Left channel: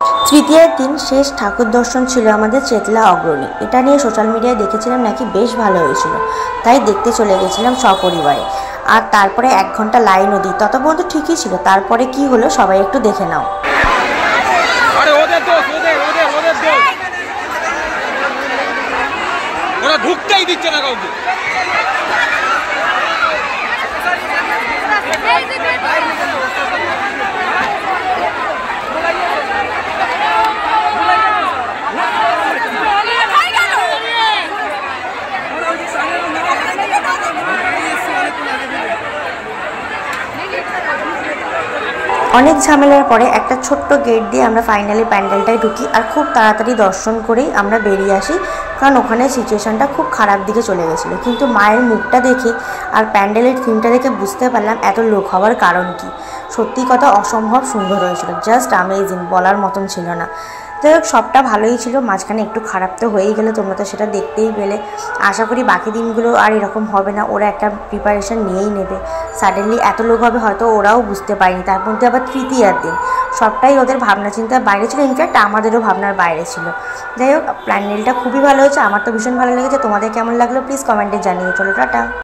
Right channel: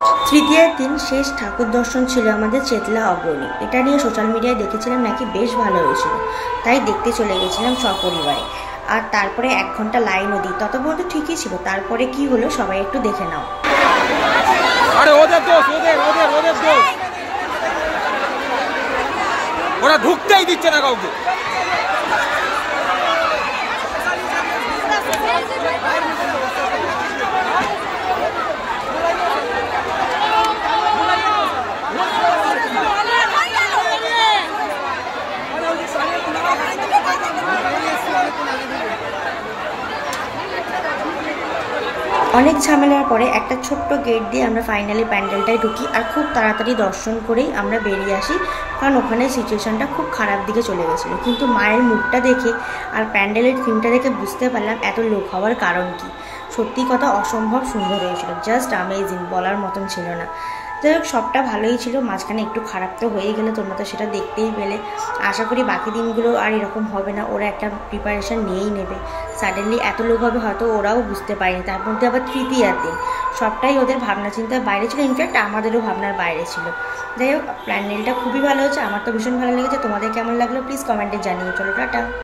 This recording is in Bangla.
তৃতীয়ার দিন শেষ ঠাকুর দর্শন ছিল আমাদের চেতলা অগ্রণী। এটা নিয়ে সোশ্যাল মিডিয়ায় দেখেছিলাম নাকি বেশ ভালো হয়েছিল, তাই দেখতে চলে গেছিলাম সপরিবারে। আর তারপরে 1 ঘন্টা লাইনও দিই, তত পর্যন্ত ঠিকই ছিল। তারপরে কি হলো সবাই একটু দেখে নাও। ঢুকতেই দিচ্ছে না কাউকে। অনেক ঝামেলার পরে একটা ছোট্ট গেট দিয়ে আমরা ফাইনালি প্যান্ডেলটায় ঢুকি, আর খুব তাড়াতাড়ি দর্শন করেই আমরা বেরিয়ে আসি, কারণ ওখানে সিচুয়েশনটা খুব খারাপ দিকে চলে গেছিলো। কিন্তু মায়ের মুখটা দেখে আর প্যান্ডেলের থিমটা দেখে বুঝতে পারলাম এত লোক হওয়ার কারণ কি। সত্যি কথা অসম্ভব সুন্দর হয়েছিল, জাস্ট অ্যামেজিং, বলার মতন ছিল না। যাই হোক, সবটা ভালোই ছিল, মাঝখানে একটু খারাপ তো হয়েই গেলো, তোমরা তো সেটা দেখতেই পেলে। আশা করি বাকি দিনগুলো আর এরকম হবে না, ওরা একটা প্রিপারেশন নিয়েই নেবে। সাডেনলি এত লোক হবে হয়তো ওরাও বুঝতে পারেনি, তার মধ্যে আবার তৃতীয়ার দিন, সবটাই ওদের ভাবনা চিন্তার বাইরে ছিল, ইনফ্যাক্ট আমাদেরও ভাবনার বাইরে ছিল। যাই হোক, প্যান্ডেলটা খুবই ভালো হয়েছে, আমার তো ভীষণ ভালো লেগেছে। তোমাদের কেমন লাগলো প্লিজ কমেন্টে জানিয়ে। চলো টাটা।